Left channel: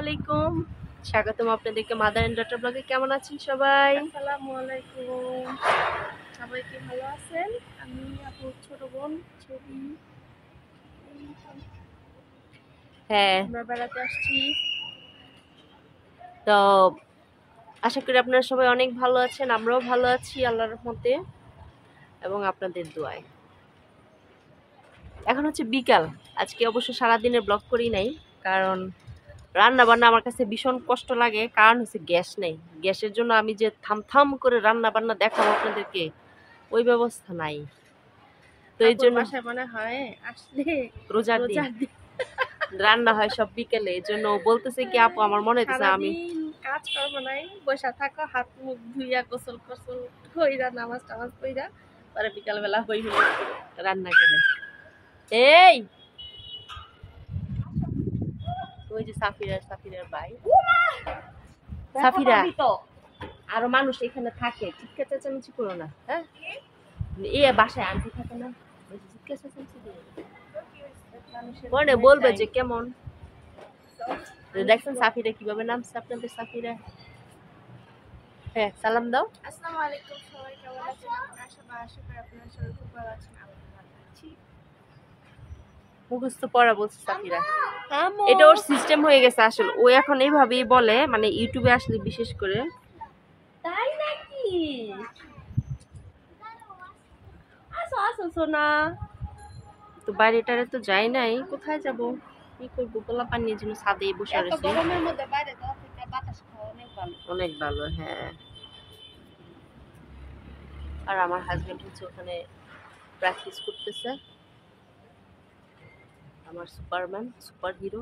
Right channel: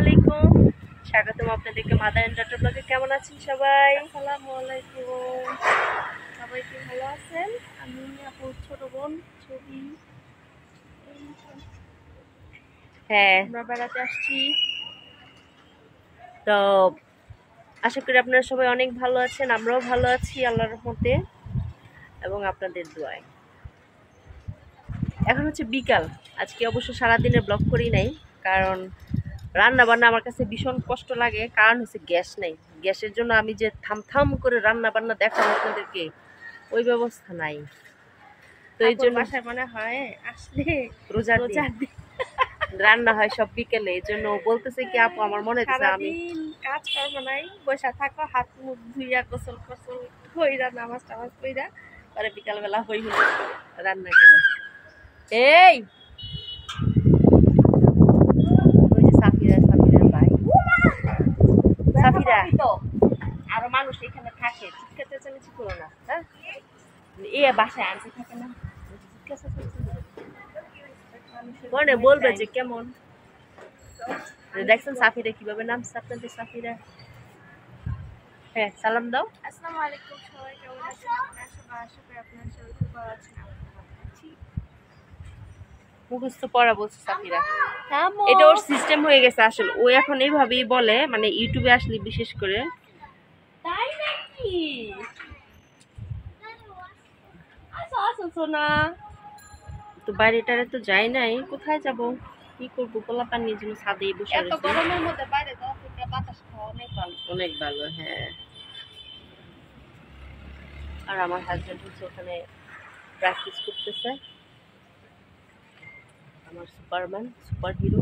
আলাইকুম, স্বাগতম আপনাদেরকে মাদার এন্ড ডটার ব্লগে। কেমন আছেন সবাই? আসসালামু আলাইকুম। সবাই কি ভালো আছেন? আমি আপুর ছোট বোন ছবি। হ্যাঁ, আমরা বেড়াতে আসছি। তো আশা করি আপনারা সবাই অনেক ভালো আছেন, আমরাও ভালো আছি আল্লাহর রহমতে এবং আপনাদের দোয়ায়। এখন হচ্ছে বিকাল। আজকে অবশ্য সারাদিনের ব্লগ করি নাই, কারণ রান্না বান্না আমার কাছে ভীষণ কষ্ট লাগে। কারণ হচ্ছে গ্যাস নেই। গ্যাসের জন্য আমি যে থাম করে রান্না বান্না দেখাবো আপনাদেরকে, ওই ব্যবস্থা নাই। তো এই জন্য বাসায় মনে হয় আসলে রোজার দিন রান্না হয় সব বিকেলে। এই জন্য বলতেছে কি আপু, আমার মনে হচ্ছে আমি কাজ করবো নাই, বসে থাকো, হাত মুখ ধুইয়া গোসল কইরা নামাজ টামাজ কইরা পরে বিকালবেলা হই রান্না করে। এই ওই যে সাফিরার ভাই সাফিরা, আরো মানুষ এখানে থাকে, চিৎকার চেঁচামেচি করো না। হ্যাঁ, এ বাসায় আনতে থাকে না, মনে বলবে যে কেমন। দেখছেন সাফিরা কিভাবে নামছে আপনাদের? সাফিরা, হ্যাঁ সালাম দাও। আসসালামু আলাইকুম সবাই, কেমন আছেন আপনারা সবাই? আশা করি আপনারা সবাই খুব ভালো আছেন। আমি ভালো আছি। মুখস্থ পড়া বলছে সাফিরা, এটা ওর সিস্টেম হয়ে গেছে আসলে। ও এখন এইভাবেই বলে, মানে ইউটিউবে আসলে বিশেষ করে। তাই নাকি? আসো আসো সোনা। তো বাইরেটারে তো যাই নাই, কোথায় যাব, কি করবো? পোলা পানির জন্য ছাদে বসে এত রয়েছে। গরমের মধ্যে বাইরে যাওয়া থেকে বাতাস খাওয়া অনেক ভালো। অনেক ভালো, হ্যাঁ। আর আমার হাজবেন্ড হচ্ছে ওখানে প্র্যাকটিস করতেছে, আমার সুপারম্যান, সুপার হিরো।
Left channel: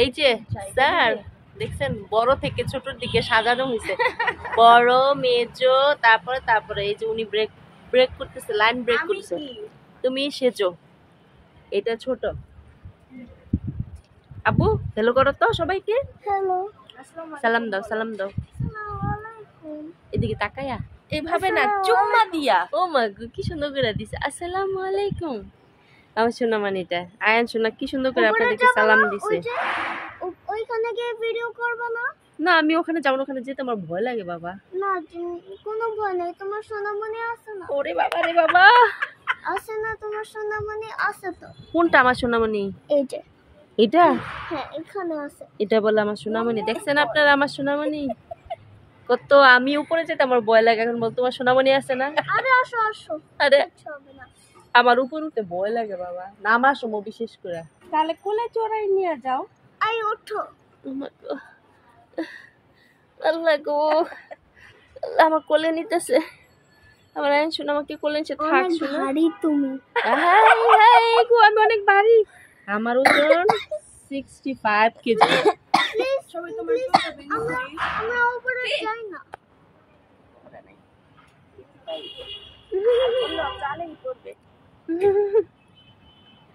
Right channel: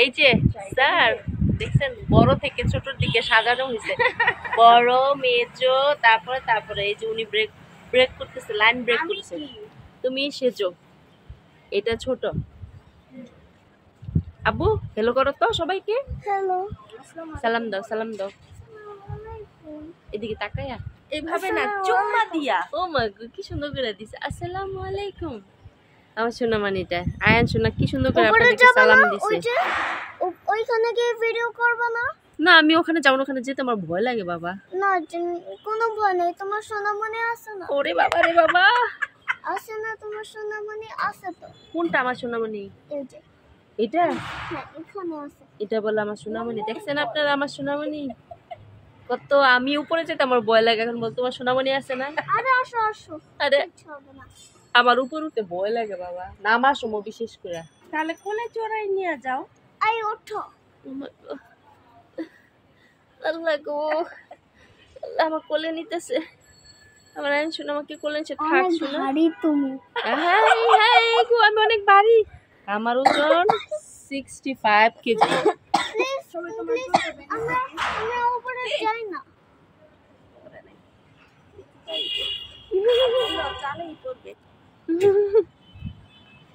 এই যে স্যার দেখছেন, বড় থেকে ছোটর দিকে সাজানো হয়েছে। বড়, মেজো, তারপরে এই যে উনি ব্রেক করতেছে, লাইন ব্রেক করতেছে। তুমি সেজো, এটা ছোট। আব্বু হ্যালো করো তো সবাইকে। হ্যালো, সালাম দাও, সালাম দাও। এদিকে তাকায়া, এইভাবে না, চুম্মা দিয়া। ও মা গো, কি সুন্দর করে দিছে। আসসালামু আলাইকুম। আমার সোনা মানিটা আয়ান সোনা কি সুন্দর করে আপনাদেরকে সালাম দিছে। ওইখানে গিয়ে ভিডিও করব না? না, আমি ওখানে যাবো না, ওখানে যেতে আমার ভয় লাগে বাবা। না, কোনো ভয় নেই, তোমার সোনামণি আছে না? ওরে বাবা রে বাবা, আছে না তোমার সোনামণি? আছে তো। কোনটা আমার সোনামণি? এই যে এটা, হ্যাঁ এখানে আছে। এটা বলে আমার সোনামণি। দেখছেন আপনারা আমার সোনামণি কত? আমি উপরে যেতে আমার ভয় লাগে, এখন বল তোমার সোনামণি আছে না। আরে আসো আসো, আরে কিছু হবে না। আমার উপর উঠতে ভয় লাগে বাবা, নামার সময় বিশেষ করে। তাহলে কোলে চড়াই নিয়ে যাও। আই ওঠো। Oh my God. আল্লাহ গো, আল্লাহ আমার কোলে নিতেছে। আমার আইন শোনা, আমাকে কোলে নিচ্ছে। থাক শোনা, ভারী তুমি। হাই হাই গো, আমি অনেক ভারী। আমার ওজন 65 কেজি। আমরা উপরে যাই না।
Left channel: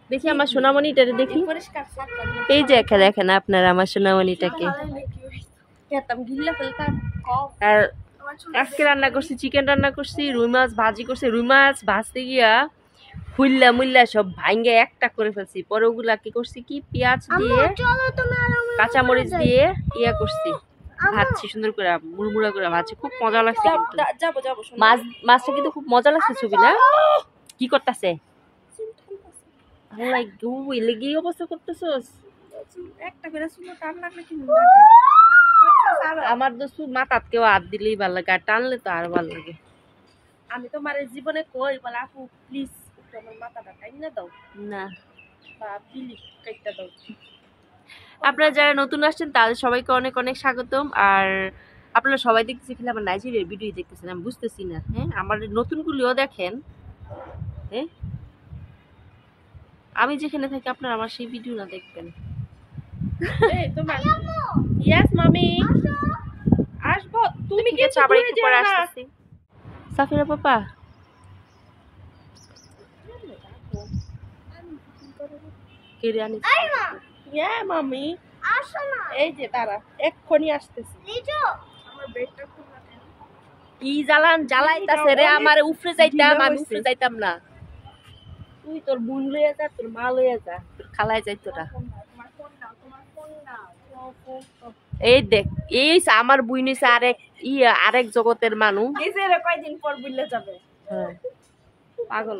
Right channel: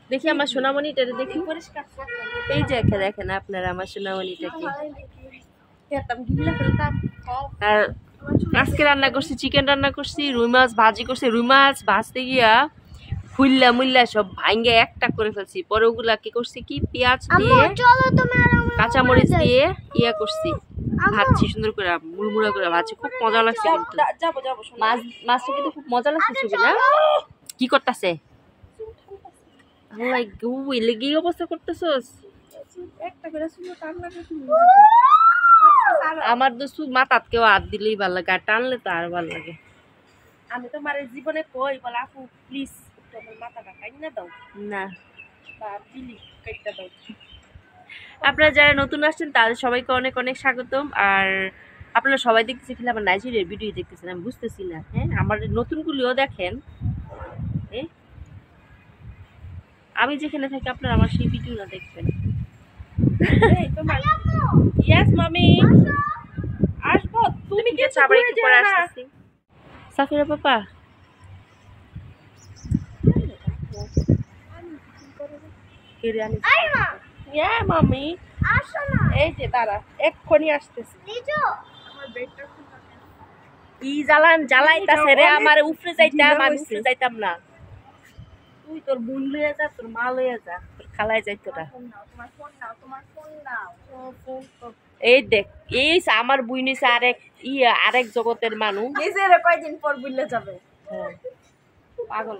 দেখি আমার সোনামণিটারে দেখি। এই যে দেখেন আপনারা আমার সোনামণিটাকে। আর আজকে রান্না করছি, চিকেন রান্না করছি, রুই মাছ ভাজি করছি। রুই মাছ ভাজতে গিয়া হুইল্লা মুল্লা সব ভাঙ্গে একটা করে ফেলছি। পরে ওগুলা কি করছি, কি পেঁয়াজ দিয়ে কাঁচামরিচ দিয়ে ইয়া করছি, ভাজছি সুন্দর করে, মুড়মুড়া করে ভাজছি। খুব মজা লাগছে কিন্তু মাছটা কিন্তু খুব মজা লাগছে। ছবি না কি করতেছে? লেগে অবস্থা করতেছস। আমার তো মাথাত কেউ হাত দিলেই ভালো লাগে, আর টানলে তো আর ভালো লাগে। আমি তোমার জীবনে কই বলে আপু প্লিজ তোমার মাথাটা কাইনা দাও না, বা বিলি কাইটা দাও। আপনারা যারা নতুন আসছেন তাদের সবাইকে অনেক অনেক স্বাগতম। আর আপনারা সবাই দেখতেছি খেলে আমার নাইজেরিয়ার ভিডিও দেখতেছেন, আমি বুঝতেছি না। হ্যাঁ, আমার নতুনগুলিও দেখেন। হ্যাঁ, আমি যেখানে থাকি আপনারা আমার সেই ভিডিও না দেখবেন। এই তোমার ইয়েস মামি আসবো, তুমি কি আবার একটু পরে আসতেছি। সাফিরা পাপা, কেড়ে আনিস। ইয়া মামি আসো না, এই যে দাঁড়া এক্ষুনি আসতেছি। লিজো আমার বেডটা খোলা কেন? কি জ্বালাইতাছে রে আমারে। উপরে যাইতাম, আমি উপরে যাইতাম না। তুই তোর বোন লইয়া যা, তোর মা লইয়া যা, তোর খালায় যাইতো না। এই দেখ, এই আমার বুই নিছে আরেক জগতের মানুষ। নিজের কয়দিন পর বুঝলে যাবে। হ্যাঁ, পাগল।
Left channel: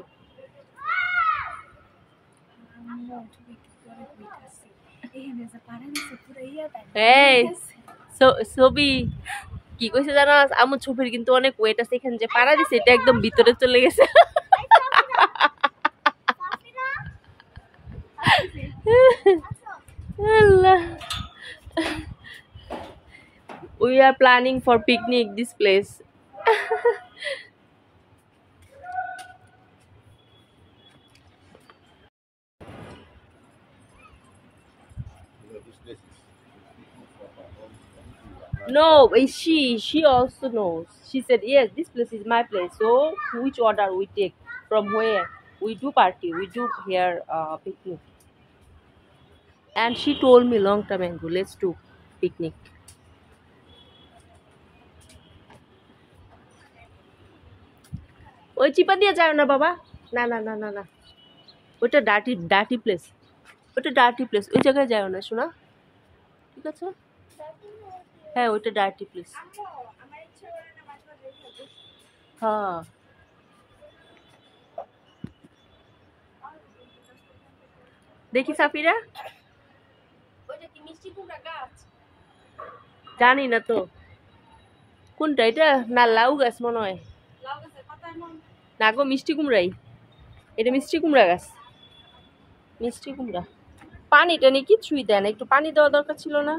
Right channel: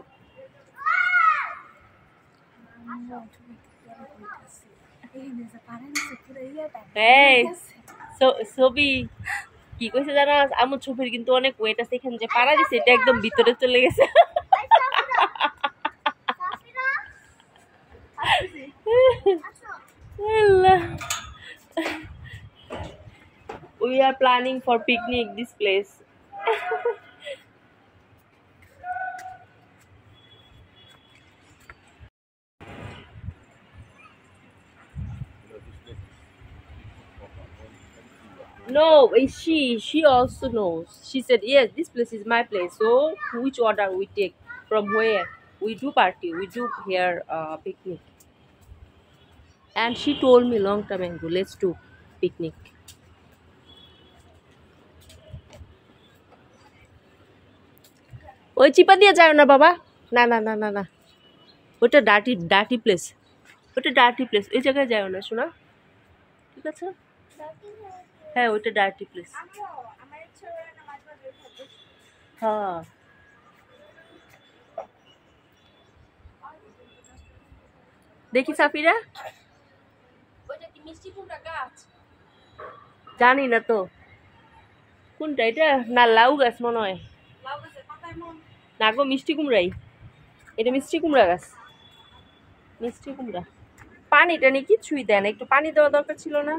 এই ছবি কি কইছে জানো, আমার ছবির কিন্তু অনেক ওয়েট আছে, এখানে যে পাড়া দিছে এটা একদম ভিতরে চলে গেছে। Allah. We are planning for picnic this place. No, she also knows. She said yes, this place is my place. So which order we take? From where? We do party. We do here picnic. And she told me long time ago, let's do picnic. ওই চিপা দিয়ে যায় না বাবা, না না না না না, ওটা ডার্টি প্লেস, ওটা ডার্টি প্লেস, এই জায়গায় যায় না শোনা, ঠিক আছে? হ্যাঁ ওইটা ডার্টি প্লেস। হ্যাঁ দেখি সাফিরা, জানি না তো কোনটা এটা, না লাউ গাছ মনে হয়, না গো মিষ্টি কুমড়াই, এটা মিষ্টি কুমড়া গাছ, মিষ্টি কুমড়া। পানিটা নিয়ে কিছুই দেয় না, একটু পানি দেওয়া দরকার ছিল না?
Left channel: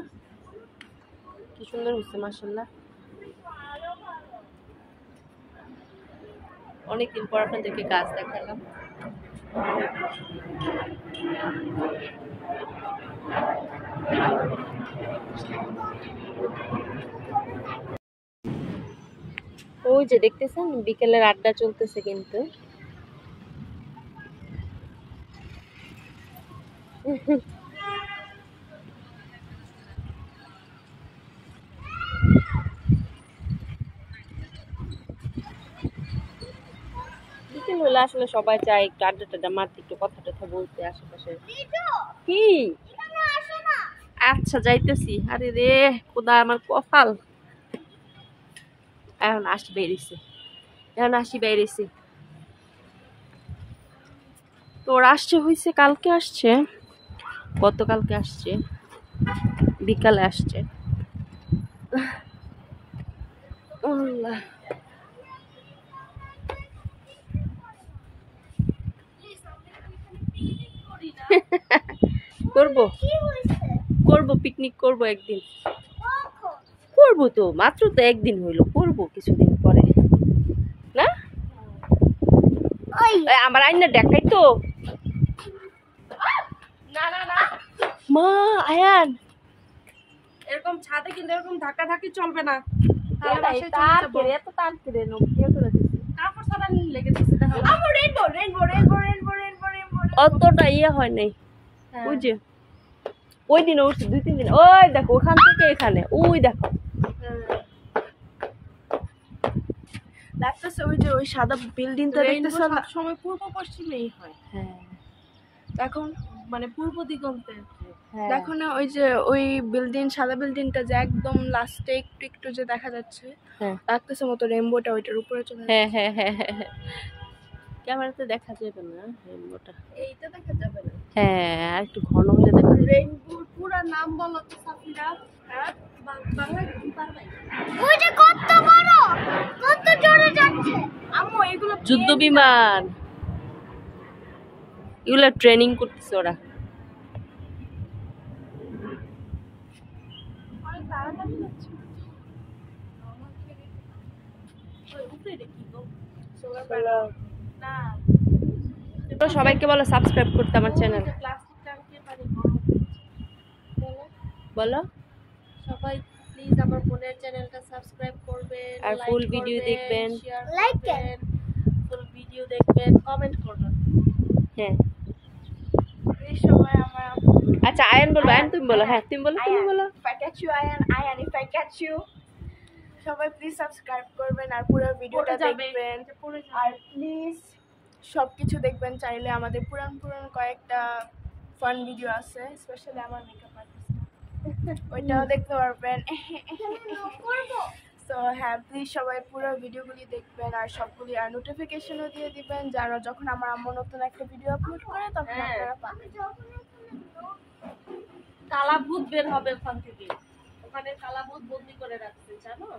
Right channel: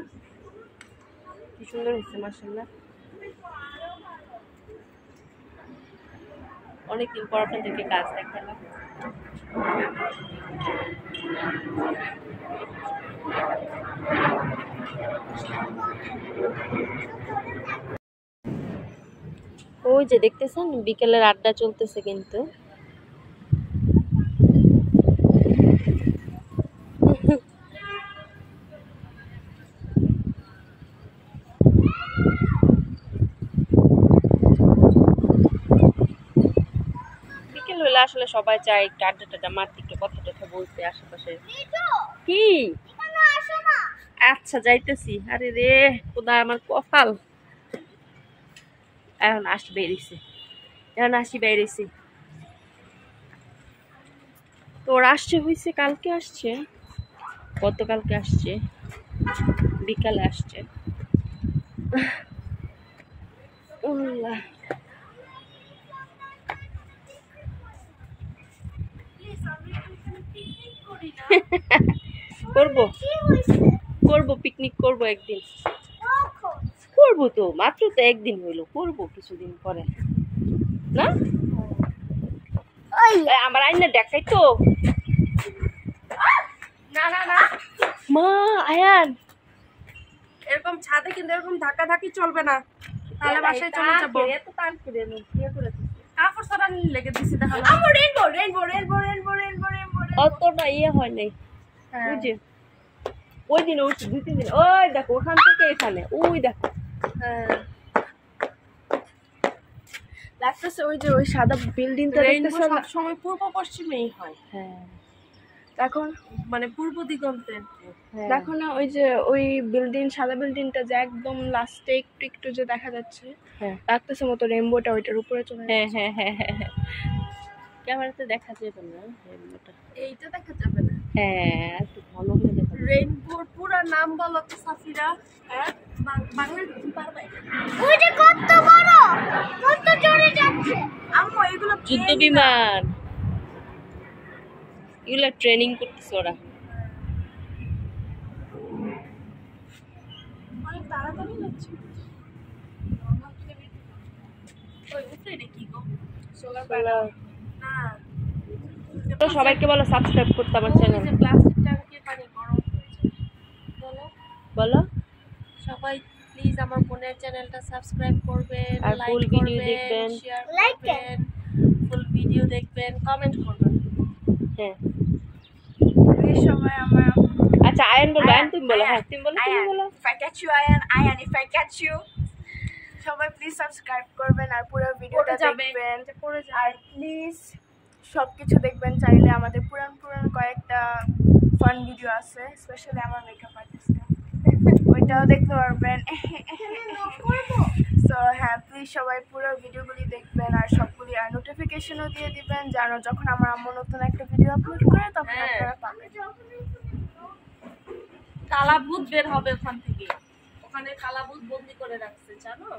কি সুন্দর হচ্ছে মাশাআল্লাহ। অনেকদিন পর আপনাদেরকে গাছ দেখালাম। ওই যে দেখতেছেন বিকেলের আড্ডা চলতেছে কিন্তু। বিকেল হলে আসলে সবাই চায় একটু আড্ডা টাড্ডা মারতে, একটু কথা টথা বলতে আশেপাশে। কি আচ্ছা যাইতেছি। আরে রে খোদা আমার কপাল, এখন আসি বেরিয়েছে, এখন আসি বেরিয়েছি। তোর আসছে হয়েছে কালকে আসছে, গতকালকে আসছে, বিকালে আসছে। করবো করবো পিকনিক করবো একদিন, করবো তো, মাত্র তো একদিন হইলো, করবো কিছুদিন পরে না। আমার আইনা দেখাই তো, না না না মা আয়ান এরকম ছাদে কিন্তু এরকম ধাক্কা ধাক্কি চলবে না, তাহলে বাসায় চলে যাবো। এত তার করে কাপড় সারা লেগে দিছি তাহলে। Rainbow rainbow rainbow rainbow rainbow rainbow অতটা ইয়ে হয় নাই, ওই যে ওই দিন উঠছে 2-3 দিন, ওই দেখো ওখান থেকে এখানে, ওই দেখো। হ্যাঁ দেখতেছে ওই যে ওই সাদা বিল্ডিংটা দেখতেছে, সব সময় পূর্ব পশ্চিমেই হয়। হ্যাঁ এখন মানে পূর্ব দিগন্তে হ্যাঁ। দেখো না ওই যে ওই বিল্ডিং, সাদা বিল্ডিংটা যে একদম লাস্টে একটু একটু যে দেখা যাচ্ছে, হ্যাঁ লাগতেছে মতো রেইনবোটা ওইটার উপরে চলে হ্যাঁ হ্যাঁ হ্যাঁ হ্যাঁ, ক্যামেরাতে দেখা যাবে না রেইনবোটা, এইটা দেখা যাবে না। হ্যাঁ আর একটু ঘন হলে দেখা যাবে। রেইনবোর পুরো নাম বলো তো সাফিরা, বাংলা পারবে? ওইটা কত বড়, কত জোরে যাচ্ছে আম্মু, এগুলো যুদ্ধ বিমান, এগুলো ট্রেনিং করতেছে ওরা। অনেক তাড়াতাড়ি যাচ্ছে। ওই উপরে এটা কি গো, সোলার প্যানেল না? তো সবাইকে বলো সাবস্ক্রাইব করতে আমার চ্যানেল। প্লাস্টিক ট্যাঙ্কে পানি গরম হয়েছে, বলো বলো সবাই প্লিজ আমার বোনের চ্যানেলটা সাবস্ক্রাইব করবেন, আর লাইক ফুল ভিডিও করবেন, দেখবেন, শেয়ার করবেন, ফুল ভিডিও দেখবেন, কমেন্ট করবেন। হ্যাঁ এই সময় আমার আচ্ছা আয়ান বলবো, আয়ান তুমি বলো, হ্যাঁ তুমি বলো, তুমি বলো। if I catch you Ayan if I catch you, সবাই প্লিজ সাবস্ক্রাইব করবেন আর পুরো ভিডিওটা দেখবেন, আর প্লিজ সব কিছু দেখবেন চাইলে। আমাদের পুরান পুরান কয়েকটা ফান ভিডিও আছে, স্পেশালি আমার মেকআপ আর্টিস্টটা, ওইটাও দেখতে পারবেন। সো হ্যাঁ, প্লিজ সবাই পুরো ভিডিওগুলি দেখবেন আর সবগুলি আর নোটিফিকেশনও দিয়ে দিবেন, যেন যখন আমার আম্মু নতুন একটা ভিডিও আপলোড করে তখন আপনারা পাবেন। কালাভূত বের হবে ওখান থেকে, ওখানে কালাভূত বন্দি করে রাখছে জানো।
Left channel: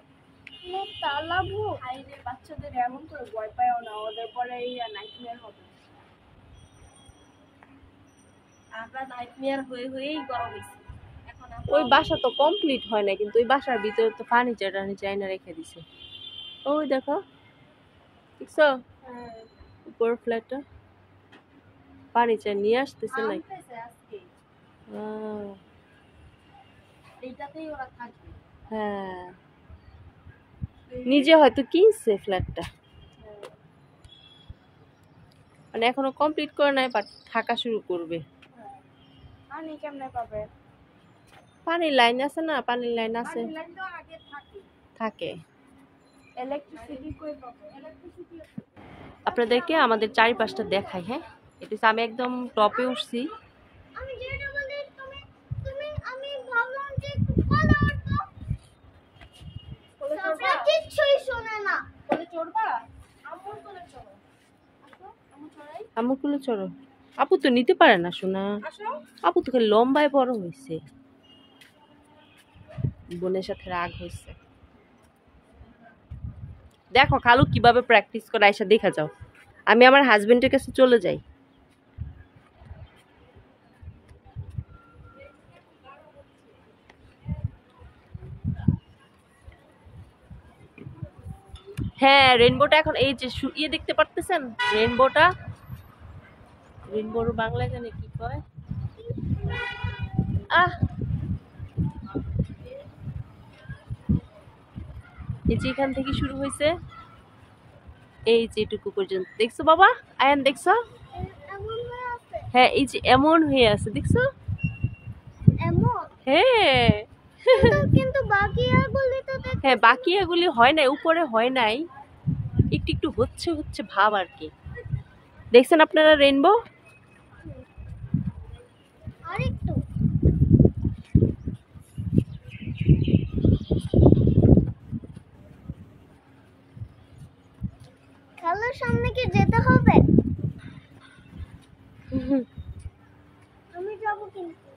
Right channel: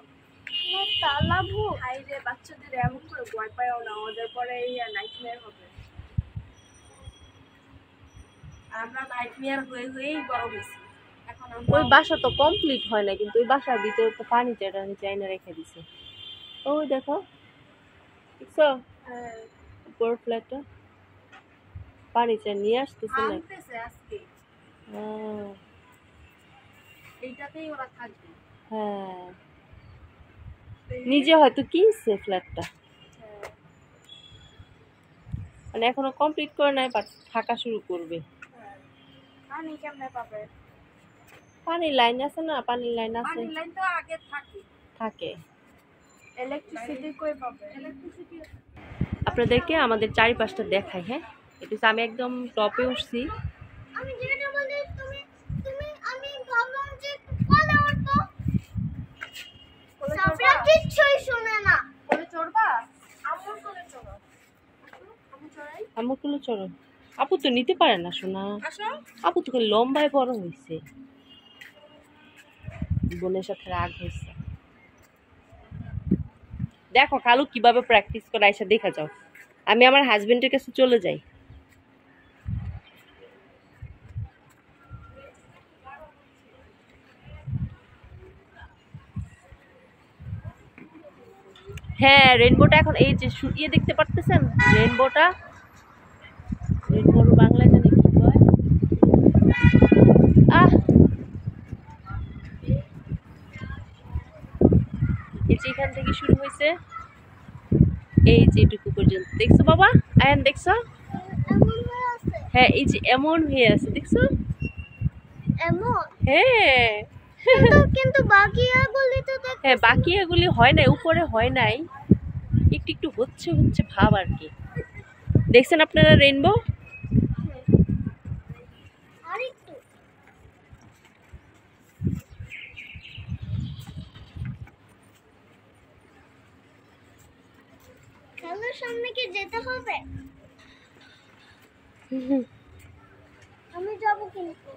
তালাভু হাই রে, বাচ্চাদের এমন করে ভয় পায়ও না, ওদের পরে এই নাইটমেয়ার হবে। আমরা নাইটমেয়ার হয়ে হয়েই বড় হয়েছি। এখন ওই বাসা তো কমপ্লিট হয় না, কিন্তু ওই বাসার ভিতরে তো ফার্নিচার টার্নিচার রেখে দিছে। ওই দেখো, দেখছো উপর ফ্ল্যাটটা ফার্নিচার নিয়ে আসতেছে না আজকে এইটাতেই ওরা থাকবে। হ্যাঁ, নিজে হয়তো কিনছে ফ্ল্যাটটা, মানে এখনো কমপ্লিট করে নাই, বাট থাকা শুরু করবে। পানি কেমনে পাবে? পানির লাইন আছে না, পানির লাইন আছে, পানির লাইন তো আগে থাকে। ইলেকট্রিসিটি কই পাবে? ইলেকট্রিসিটি আপনাদেরকে আমাদের চারিপাশটা দেখাই। হ্যাঁ, এটা আমি একদম টপে উঠছি। আমি যেটা বলি তুমি তুমি আমি ভাবলাম যে কোলে উঠবো, সাফরা কিচ্ছুই শুনে না। কোলে চড়বা? আম্মুর কোলে চড়ো। আসো, আম্মু চড়াই। আম্মু কুলে চড়ো। আপু তো নিতে পারে না শোনা, আসো। আপু তো খালি লম্বায় বড় হয়েছে, বোনের সাথে রাগ হয়েছে। দেখো খালু কিভাবে প্র্যাকটিস করে, আইসা দেখা যাও। আমি আমার হাজবেন্ডের কাছে চলে যাই। হ্যাঁ, রেইনবোটা এখন এই যে ইয়ে দেখতে পারতেছেন, রেইনবোটা, রেইনবোর বাংলায় জানি কি কয়। এই যে এখান থেকে শুরু হয়েছে, এই যে এটুকু পর্যন্ত। দেখছো বাবা আয়ান, দেখছো? হ্যাঁ, এই যে এমন হয়ে আছে, দেখছো? এমন? হ্যাঁ কিন্তু বাকি এগুলি তো হ্যাঁ, বাকি এগুলি হয় নাই, উপরে হয় নাই, একটু একটু হচ্ছে হচ্ছে ভাব আর কি। দেখছেন আপনারা রেইনবো? আরেকটু খেলার সামনে কি যেতে হবে? আমি যাব কিন্তু।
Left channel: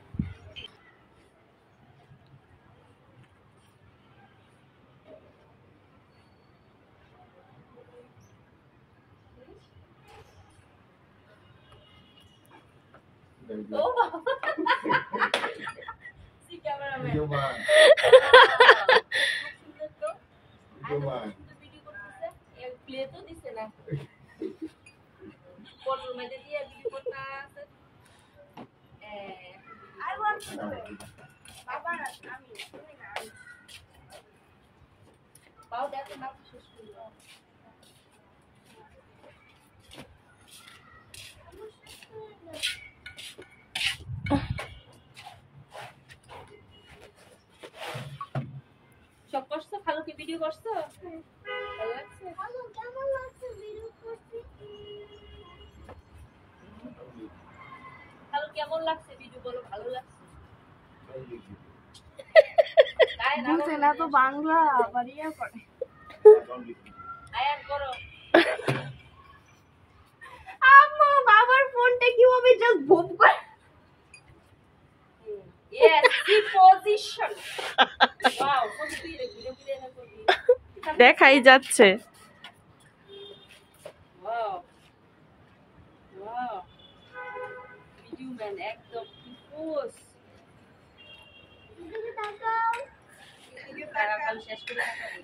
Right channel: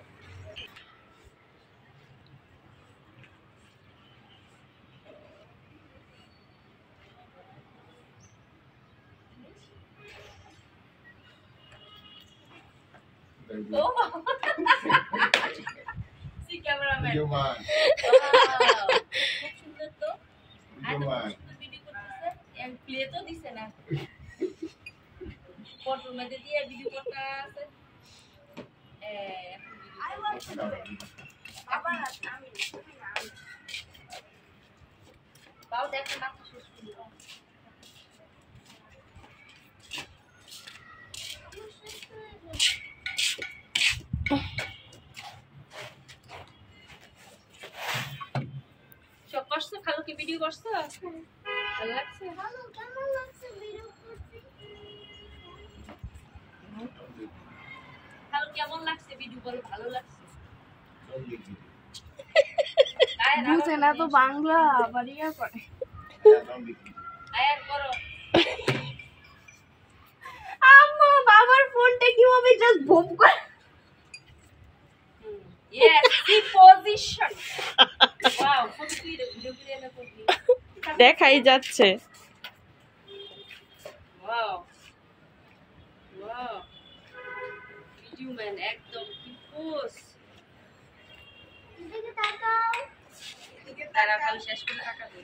সব করছো? খালু কি ভিডিও করছো? ভালো লাগছে? কেমন লাগছে ভিডিও করতে? খালু কেমন লাগছে ভিডিও, বলো ভালো লাগছে? বুঝে না তো বাংলা, আবার ইয়া করে। আয়ান করো। আম্মু বাবার ফোনটা কিভাবে জাস্ট ভোপ করে। Yes, see position. Wow, দেখাই যাচ্ছে। Wow. Wow. Video man একদম কি পোজ। এদিকে তাকাও। তারা খালি শেষ করে তাকাবে।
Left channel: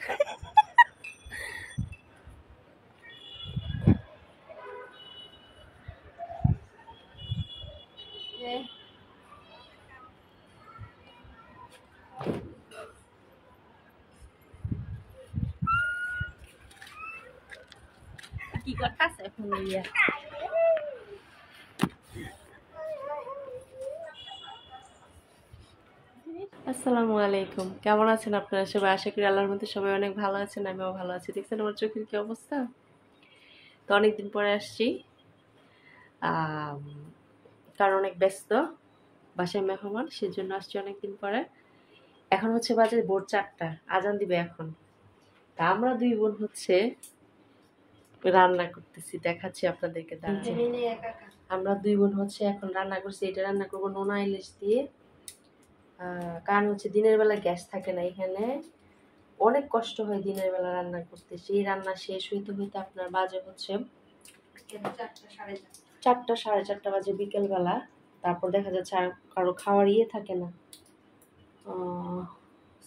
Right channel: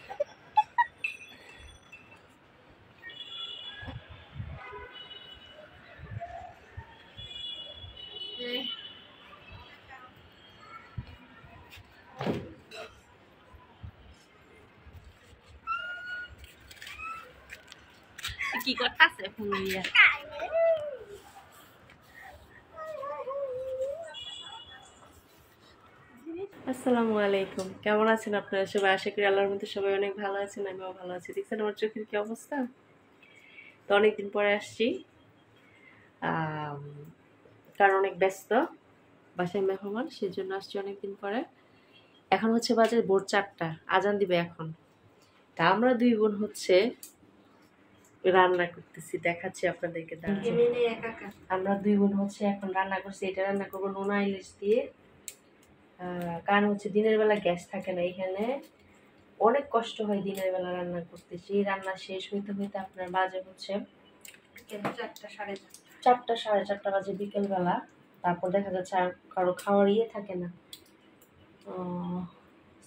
কি করতেছে ফোন নিয়ে? আসসালামু আলাইকুম, কেমন আছেন আপনারা সবাই? আশা করি আল্লাহর মধ্যে সবাই অনেক ভালো আছেন, আমিও ভালো আছি। দেখছেন আমার চোখের কি অবস্থা? তো অনেকদিন পরে আসছি, কারণ অনেক ব্যস্ত, বাসায় মেহমান, সেজন্য আসছি অনেকদিন পরে। এখন হচ্ছে বাজে ভোর 4টা, আজান দিবে এখন। তা আমরা 2 বোন হচ্ছে রান্না করতেছি, দেখাচ্ছি আপনাদেরকে। আমরা 2 বোন হচ্ছে এখন রান্না করছি। এটা রান্না করবো নোনা ইলিশ দিয়ে। কারণ হচ্ছে দিনের বেলা গ্যাস থাকে না এখানে, অনেক কষ্ট হয় দিনের বেলা রান্না করতে। সেই রান্না শেষ হইতে হইতে আপনার বাজে হচ্ছে 4টা 4:30 বাজে বিকেলবেলা। তারপর দেখা যাচ্ছে আর কারো খাওয়ার থাকে না,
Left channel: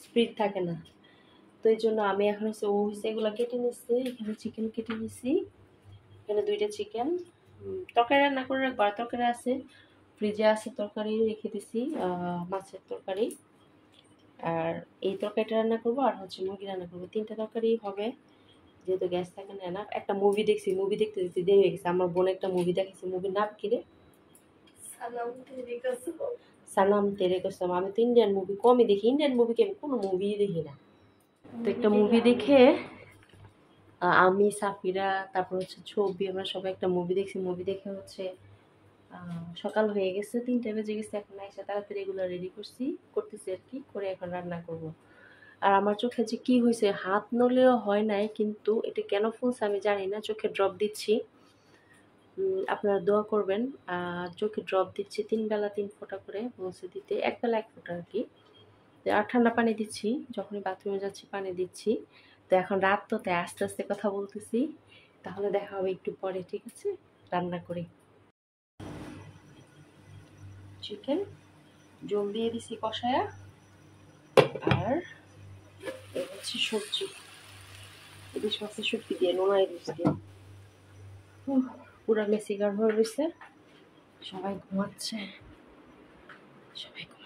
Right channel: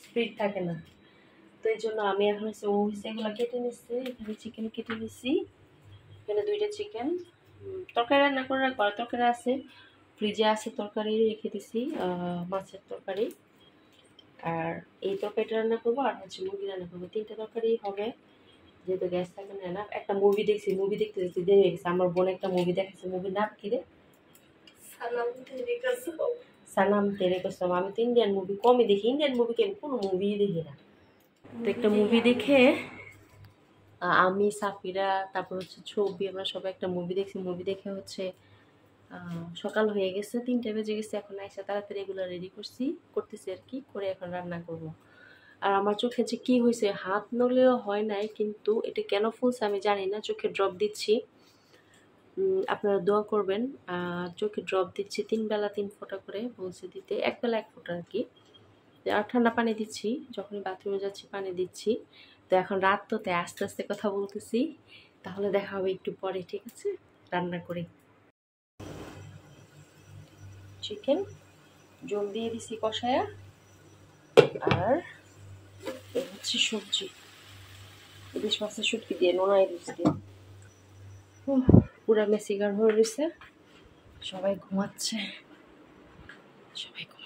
স্পিড থাকে না। তো এই জন্য আমি এখন হচ্ছে এগুলো কেটে নিচ্ছি। এখানে চিকেন কেটে নিচ্ছি, এখানে 2টা চিকেন। তরকারি রান্না করে রাখবো, তরকারি আছে ফ্রিজে, আছে তরকারি রেখে দিছি, মাছের তরকারি। আর এই তরকারিটা রান্না করবো, আর হচ্ছে মুরগি রান্না করবো। 3টা তরকারি হবে, যেহেতু গ্যাস থাকে না। একটা মুভি দেখছি, মুভি দেখতে দেখতে দেরি হয়ে গেছে। আমার বোন একটা মুভি দেখেছে, মুভির নাম কি রে? সানাম তেরে কসম। আমি তো ইন্ডিয়ান মুভি কমই দেখি, ইন্ডিয়ান মুভি কোনো মুভি দেখি না। তো একটা মুভি দেখে আমি, সাফিরা, তারপর হচ্ছে ছবি, আমরা সবাই একটা মুভি দেখছি। মুভি দেখে হচ্ছে সকাল হয়ে গেছে, 3টা বেজে গেছে। এখন আইসা তাড়াতাড়ি এগুলো রেডি করতেছি আর কি, করে এখন রান্না করব। আর আমার চোখে যে কি হয়েছে, হাত নলেও হয় নাই, কিন্তু এটা কেন ফুলছে আমি জানি না। চোখে ড্রপ দিচ্ছি, আপনারা দোয়া করবেন। চোখে ড্রপ দিচ্ছি 3 বেলা 3 ফোঁটা করে, বলছে দিতে 1 বেলা 1 ফোঁটা আর কি। আর ঠান্ডা পানি দিচ্ছি, যখনই বাথরুমে যাচ্ছি পানি দিচ্ছি। তো এখন রাত তো, তাই আস্তে আস্তে কথা বলতেছি। তাহলে দেখা হবে একটু পরে, ঠিক আছে? রান্না করি। চিকেন জল দিয়ে দিছি কষায়া, আর এই হচ্ছে সবজি, ইলিশ মাছের শুটকি দিয়ে, নোনা ইলিশ দিয়ে। পুরা মেসিগার হয়ে রয়েছে, সবাই ঘুমাচ্ছে, সবাই ঘুমাচ্ছে।